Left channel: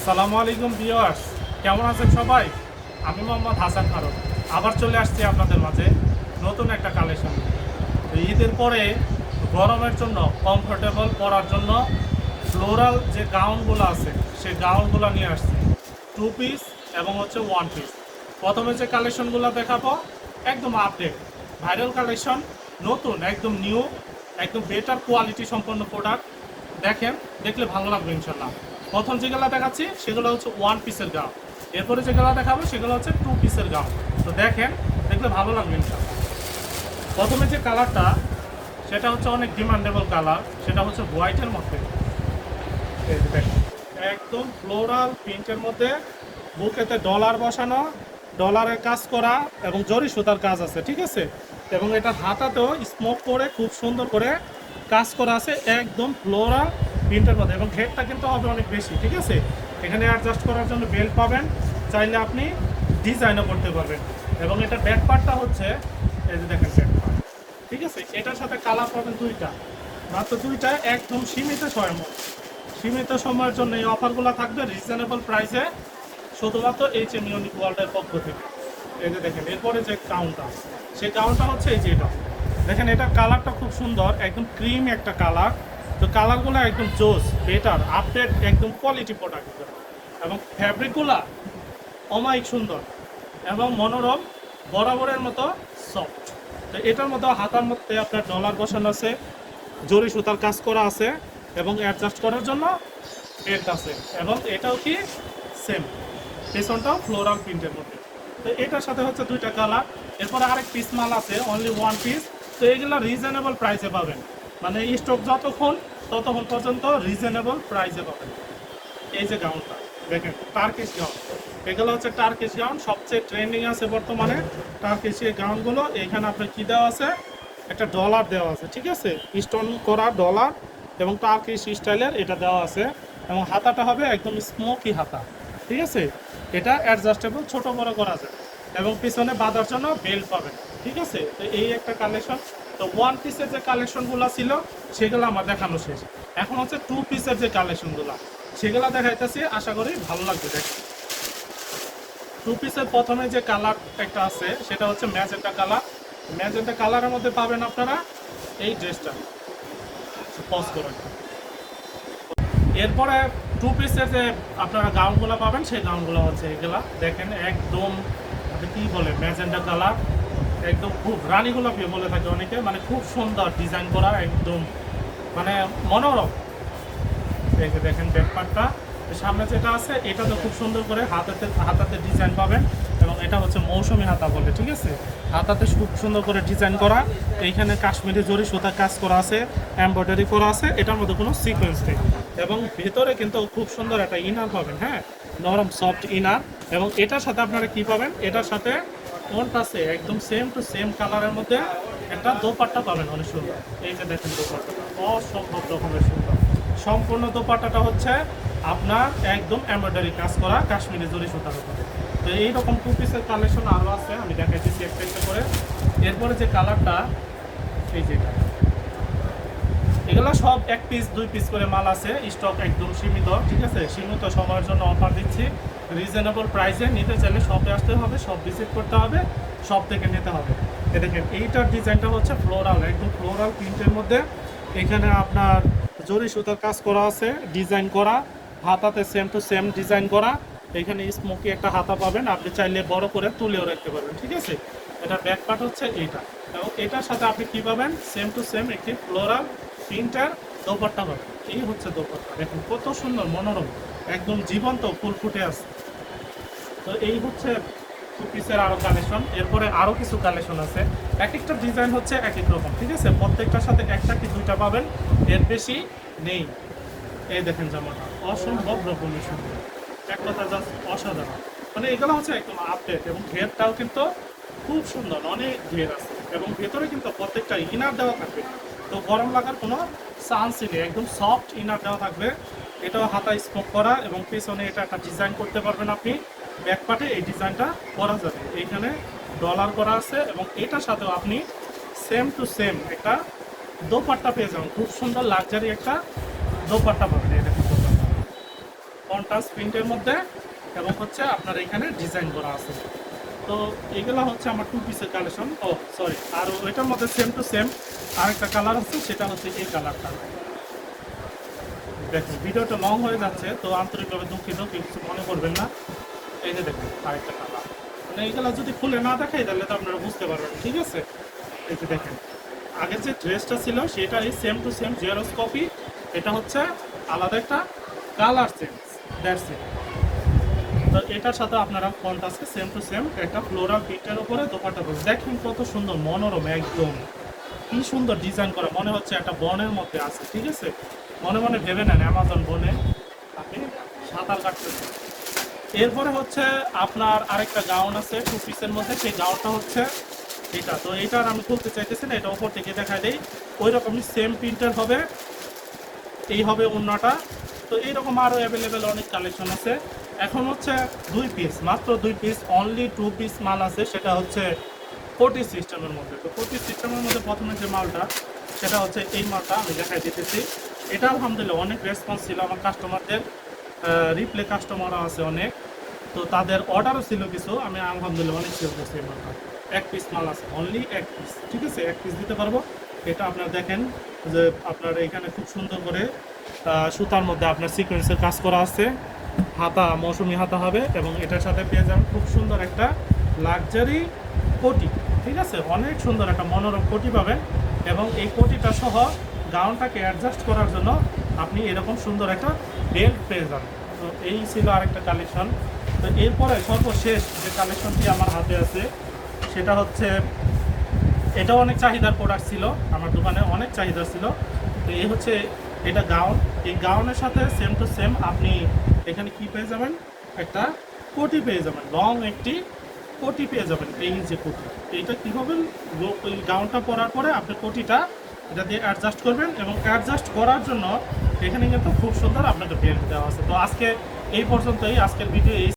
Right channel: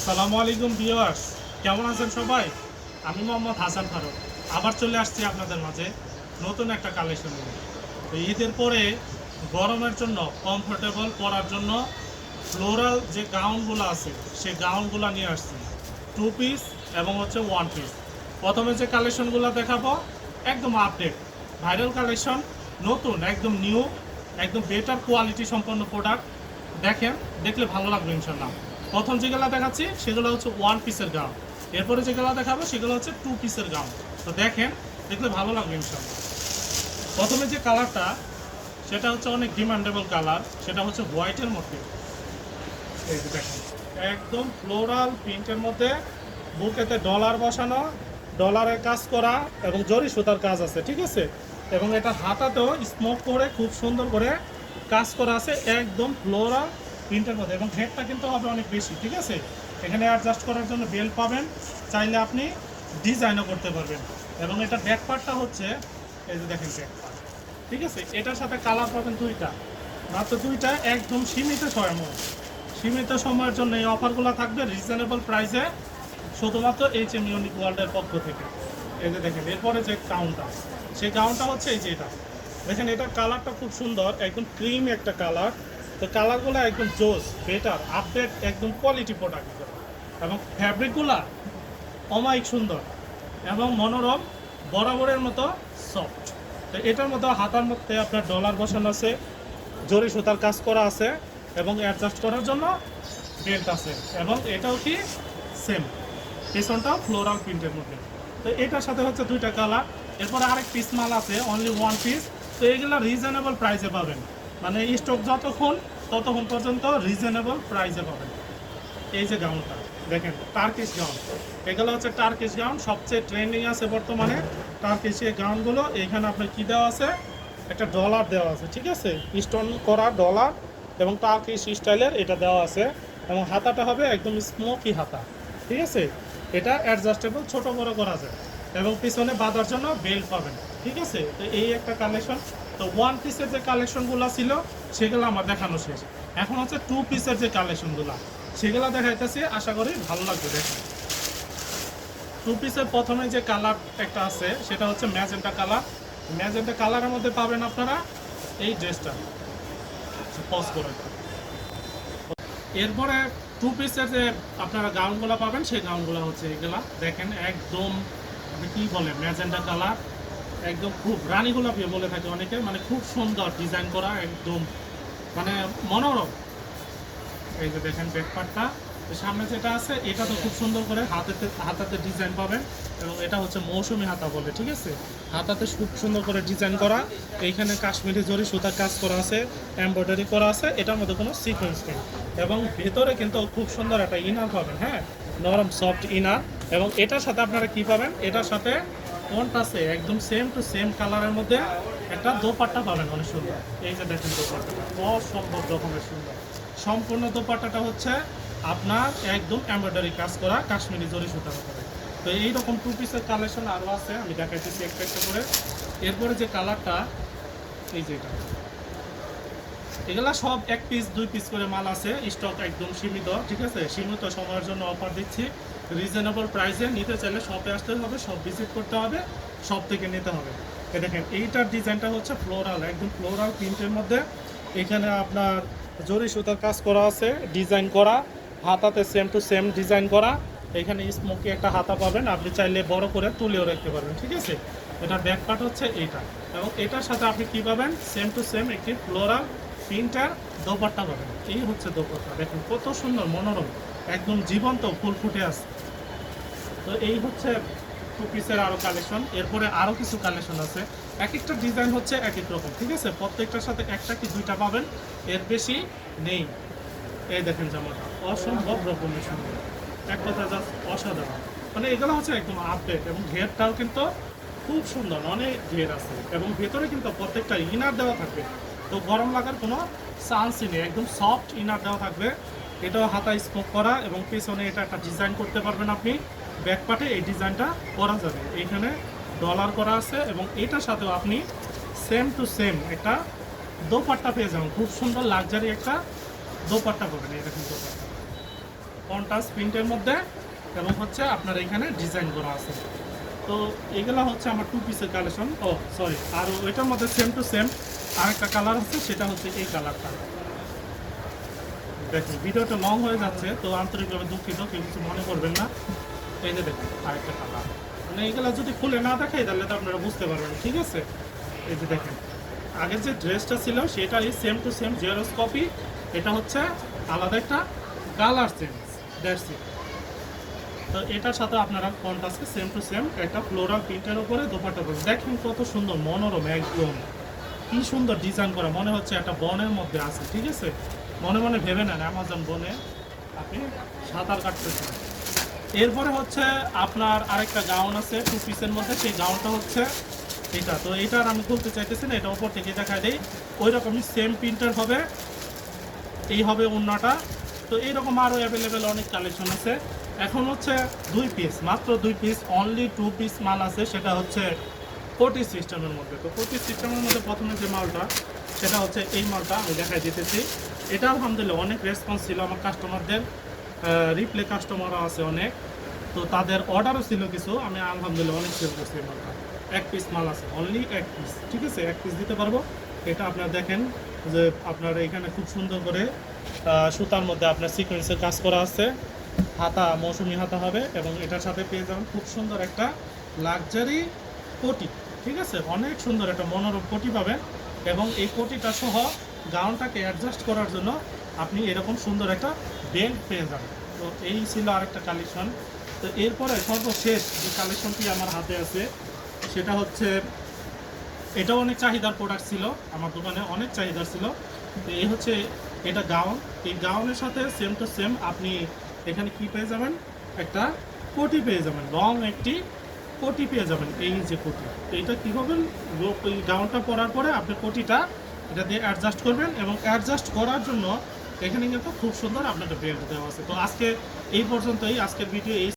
আসসালামু আলাইকুম ভিউয়ার্স, কেমন আছেন সবাই? আমি মোহাম্মদ হাসান ফারুক আবার চলে আসছি আপনাদের মাঝে নতুন একটা কালেকশন নিয়ে। ঈদের পরে গরমের জন্য কমফোর্টেবল পরার জন্য ফ্লোরাল যে গাউনগুলো আছে সেই গাউনগুলো নিয়ে আসছি, টু পিস এবং ওয়ান পিস। প্রথমে যে কালেকশনগুলো দেখাবো একদম আপডেট ভাইরাল কালেকশন, নতুন একদম নিউ, একদম বেটার কোয়ালিটি সম্পন্ন প্রোডাক্ট। দেখেন, দেখলে ভালো লাগবে ইনশাল্লাহ। প্রথম যেগুলো দেখাচ্ছি সেগুলো হচ্ছে ওয়ান পিসের গাউন, এরপরে যেগুলো দেখাবো সেগুলো হচ্ছে টু পিসের গাউন। তো দেখেন, দেখলে ভালো লাগবে ইনশাল্লাহ। প্রথমে যে কালারটা সেটা হচ্ছে অনেক ডিমান্ডেবল কালার, সেটা হচ্ছে হোয়াইটের মধ্যে। এই যে দেখেন, একদম ফ্লোরাল প্রিন্টের মধ্যে, বুকেতে ডলার বসানো, ডলারের কাজ করা এবং জরি সুতার কাজ আছে, ঠিক আছে। এবং এটা হাতাতেও স্মোক করে খুব সুন্দর করে কাজ করা আছে, একদম ফ্লোরাল প্রিন্টের মধ্যে। এবং হেডটা কিন্তু হবে অনেক বেশি, ঠিক আছে। এখানে অ্যাডজাস্ট করার জন্য বেল্ট পাবেন, চাইলে আপনি ডিজাইনও করতে পারবেন। এবং এটা ব্যাক পার্টটা হচ্ছে এই যে দেখেন ব্যাক পার্ট, ঠিক আছে। এটার সাথে কালার পাবেন দুইটা, মাত্র দুইটা, একদম সীমিত সময়। সীমিত সময়ের জন্য এই অফারগুলো থাকবে রিজনেবল প্রাইসে, শুধুমাত্র এইচএম ইউনিক ওয়ার্ল্ডের পক্ষ থেকে। এই যে দেখেন, এরপরে যে গাউনটা, সেই গাউনটা হচ্ছে এই যে এটা দেখেন, এটা কালারটা খুব সুন্দর, একদম ক্রিম একটা কালার। তো কালারগুলো একদম জোস, বেটার, আপডেট, একদম কোয়ালিটি প্রোডাক্ট। এবং ফ্যাব্রিকগুলো অমায়িক সুন্দর এবং মনোরম, বরাবরের মতো সফট। তো এটার মধ্যে হাতার মধ্যে আপনার ডলার বসানো আছে, জরি সুতার কাজ করা আছে এবং অ্যাডজাস্ট করার জন্য বেল্ট আছে। এবং এটাও কি সেম, পেছনটাও ফ্লোরাল প্রিন্টের মধ্যে। তো এটার সাথে হচ্ছে দুইটা কালার। এরপর আরেক পিস মাল আছে, অনলি ওয়ান পিস। তো এগুলো রিজনেবল প্রাইসে পাবেন, মানে স্টক ততক্ষণ পর্যন্ত রিজনেবল প্রাইসে পাবেন। এই যে গাউনটা দেখেন, টার্কিশ গাউন, এগুলো হচ্ছে টার্কিশ গাউন, সবচেয়ে ট্রেন্ডিং আছে বর্তমানে টার্কিশ এই গাউনগুলো। এখানে আপনার কি দেওয়া আছে, একটা ডলার দেওয়া আছে, ঠিক আছে, স্টোন করা ডলার এবং টার্কিশ স্টাইলের এটা দেওয়া আছে। এবং হাতাটা হবে একদম স্মোকি হাতা, ঠিক আছে। এটা অ্যাডজাস্টেবল, ছোট বড় করা যায়। এবং পিছনে বাঁধার জন্য বেল্ট পাবেন, ঠিক আছে। তো এই একটা কালেকশন। তো ওয়ান পিসের যে কালেকশনগুলো ছিল সেগুলো আমার দেখানো শেষ। এখন হচ্ছে টু পিসের যে কালেকশনগুলো সেগুলো দেখাইতেছি, আশা করি ভালো লাগবে। দেখেন, টু পিসের প্রথমে যে কালার একটা আছে সেটা হচ্ছে ম্যাজেন্টা কালার। ম্যাজেন্টা কালারের মধ্যে পাবেন আপনারা এই ড্রেসটা, পজ করুন। এরপরে টু পিসের যে আপনারা গাউনগুলো পাবেন সেই গাউনগুলো হচ্ছে এগুলা। দেখেন, একদম আপনি কী বলেন, ম্যাজেন্টা কালার, একদম খুব রানী গোলাপি বলে থাকে অনেকে, মানে খুব সুন্দর ডিজাইন করা, একদম মানে মনোরম। এই যে দেখেন ব্যাকপার্টটা, সামনে যেটা আছে এটাতে খুব সুন্দর করে হাতাতে ডিজাইন পাবেন। এবং এটা হচ্ছে মৌসুমি হাতা বলে, ঠিক আছে। হাতাতে খুব সুন্দর করে ডিজাইন করা, এইখানে কাশ্মীরি জরি সুতার কাজ করা আছে, এমব্রয়ডারি করা আছে, এটার মধ্যে কোনো সিকোয়েন্স নেই। এবং ভেতরে কিন্তু খুব সুন্দর একটা ইনার পাবেন, হ্যাঁ, নরম সফট ইনার। এবং এটার সাথে আপনারা কি পাবেন, এটার সাথে আছে একদম সেম টু সেম কালারের মধ্যে একটা দোপাট্টা পাবেন, অনেক সুন্দর। এই যে দেখেন দোপাট্টাটা অসম্ভব রকমের সুন্দর। সম্পূর্ণ দোপাট্টাটা হচ্ছে আপনার একদম এমব্রয়ডারি কাজ করা কাশ্মীরি জরি সুতার উপরে। তো এইরকম টু পিসের কালেকশন আরও আছে, আমি দেখাইতেছি একটা একটা করে। এরপরে যে কালারটা, এই যেটা, এগুলা সব এক পিস দুই পিস করে মাল আছে, স্টক একদম সীমিত, ঠিক আছে। সীমিত সময়ের জন্য অফার দিচ্ছি রিজনেবল প্রাইসে। নিতে চাইলে শপে আসতে হবে, শপ ভিজিট করতে হবে, শপ থেকে নিতে হবে। দেখেন, এইটার ডিজাইনটা হচ্ছে ফ্লোরাল, একদম ফ্লোরাল প্রিন্টের মধ্যে। এখানে আপনার জরি সুতার কাজ করা আছে, ডিজাইন করা, হাতাতে সেম টু সেম ডিজাইন করা। এখানে স্মোকি একটা হাতা পাবেন, আপনি চাইলে বড় করে তুলেও রাখতে পারবেন, ঠিক আছে। এটা ব্যাক পার্ট হচ্ছে এইটা। এবং এটার সাথে আপনি কী পাবেন, সেম টু সেম একটি ফ্লোরাল প্রিন্টার দোপাট্টা পাবেন। এই হচ্ছে দোপাট্টা, দেখুন কত সুন্দর মনোরম, একদম জীবন্ত ফুল ফুটে আছে। তো এই হচ্ছে টু পিসের আরও কালেকশন। এরপরে আরও কিছু কালেকশন আছে, এক একটা ডিজাইন হচ্ছে এক এক রকম, ঠিক আছে। প্রত্যেকটার সাথে একটা কি দুইটা পাবেন, এর বেশি নেই। এই দেখেন জামাটা অসম্ভব রকমের সুন্দর, এক কথা জাস্ট অসাধারণ। মানে এগুলো হচ্ছে একদম আপডেট। এবং ঘেরটাও কিন্তু খুব সুন্দর, অনেক ঘের আছে। এবং ভেতরে কিন্তু প্রত্যেকটা ইনার দেওয়া থাকবে, তো গরম লাগার কোনো চান্সই নেই, একদম সফট ইনার দেওয়া থাকবে। এটাও হাতা স্মোক করা এবং পেছনে এটা একটা ডিজাইন করতে পারবেন আপনি। ব্যাক পার্টে এই ডিজাইনটা করা যাবে, এইখানে ডলার করা আছে। এবং এটার সাথেও আপনি সেম টু সেম একটা দোপাট্টা পেয়ে যাবেন, খুব সুন্দর লাক্সারি একটা দোপাট্টা পাবেন। এই দেখেন দোপাট্টা, কন্ট্রাস্ট প্রিন্টের মধ্যে এবং হচ্ছে আপনার এখানে ডিজাইন করা আছে। তো এগুলো হচ্ছে আমার 2 পিসের কালেকশন। ও সরি, আর ওইটার মধ্যে সেম টু সেম আরেকটা কালার আছে, সেটা হচ্ছে এই কালারটা। দেখুন ভিডিওটা লং হয়ে যাচ্ছে, তো আন্তরিকভাবে দুঃখিত, কেউ কিছু মনে করবেন না। এই যে দেখুন আরেকটা কালার, মানে এইগুলো যদি খুলে না দেখাই তাহলে তো আপনারা বুঝতে পারবেন, ঠিক আছে? এই যে দেখেন আগের যে ড্রেসটা ছিল সেটা এই same to same xerox copy, এটা হচ্ছে আলাদা একটা কালার চেঞ্জ, দ্যাটস ইট। তো এটার সাথে আপনারা কন্ট্রাস্টে সেম টু সেম একটা ফ্লোরাল প্রিন্টের উপরে দোপাট্টা করছে। দেখুন কত সুন্দর মনোরম, একদম কি সুন্দর ডিজাইন করা, মনে হচ্ছে একটা বনের মধ্যে আছে, ঠিক আছে? মনে মনে ভেবে নেন অ্যামাজন বনে আপনি সাঁতার কাটতেছেন। এরপরে হচ্ছে আপনার আরেকটা গাউন আছে 2 পিসের মধ্যে, সেই গাউনটা হচ্ছে এটা। তো এটার আমি খুলতে চাইতেছি না, এটা ওপর থেকে দেখা দেই। ওই রকমই সেম প্রিন্টের হবে, এই হবে অন্যটা। তো এইরকম আরও অ্যাভেলেবেল অনেক কালেকশন আছে। এখন হচ্ছে 2 পিস, মাত্র 2 পিস, অনলি 2 পিস মাল আছে, সেটা হচ্ছে কোটি সিস্টেমের মধ্যে। তো কোটি সিস্টেমের মধ্যে প্রথমে যে মালটা, সেটা হচ্ছে এই মালটা আমি দেখাই দিতেছি। এটা আলহামদুলিল্লাহ অনেক রেসপন্স ছিল আমার কাস্টমারদের, রিপ্লে কাস্টমারও আছে অনেক, তো তাদের অর্ডারও ছিল কিছু, আমি আলহামদুলিল্লাহ অনেক সেল করছি এই মালটা। 1 পিস মাল আছে, অনলি 1 পিস, ঠিক আছে? 1 পিস দিতে পারবো। এটা আপনারা দেখেন যে আপনার এখানে খুব সুন্দর করে সুতার মধ্যে আপনার সিকোয়েন্সের কাজ করা আছে, হাতা মৌসুমি হাতা হবে, এবং এটার সাথে পেয়ে যাবেন খুব সুন্দর একটা লাক্সারি কোটি, ঠিক আছে? অনেক সুন্দর একটা মনোরম কোটি পাবেন, এবং এই কোটিটা সহ গাউনটাকে অ্যাডজাস্ট করার জন্য আপনি এরকম সুন্দর একটা বেল্ট পেয়ে যাবেন। তো এই ছিল আরেকটা কালেকশন। তো এরপরে সর্বশেষ যে কালেকশনটি আমার হাতে আছে, সেটা হচ্ছে, এটাও অনেক চাহিদার প্রোডাক্ট ছিল, আমার দোকানে অনেক চাহিদা ছিল। তো এই হচ্ছে এটা গাউন, এই গাউনের সাথে সেম টু সেম আপনি এখানে কি পেয়ে যাবেন, একটা কোটি পেয়ে যাবেন, লং একটি কোটি পেয়ে যাবেন। এই যে কোটি, এইটা কী করবেন, এই গাউনটা পরার পরে আপনি কোটিটা এটা দিয়ে অ্যাডজাস্ট করবেন, এবং অ্যাডজাস্ট করার জন্য এখানে কিন্তু খুব সুন্দর আপনাকে বেল্ট দেওয়া আছে। তো আজকে এই পর্যন্তই, আজকের ভিডিও এই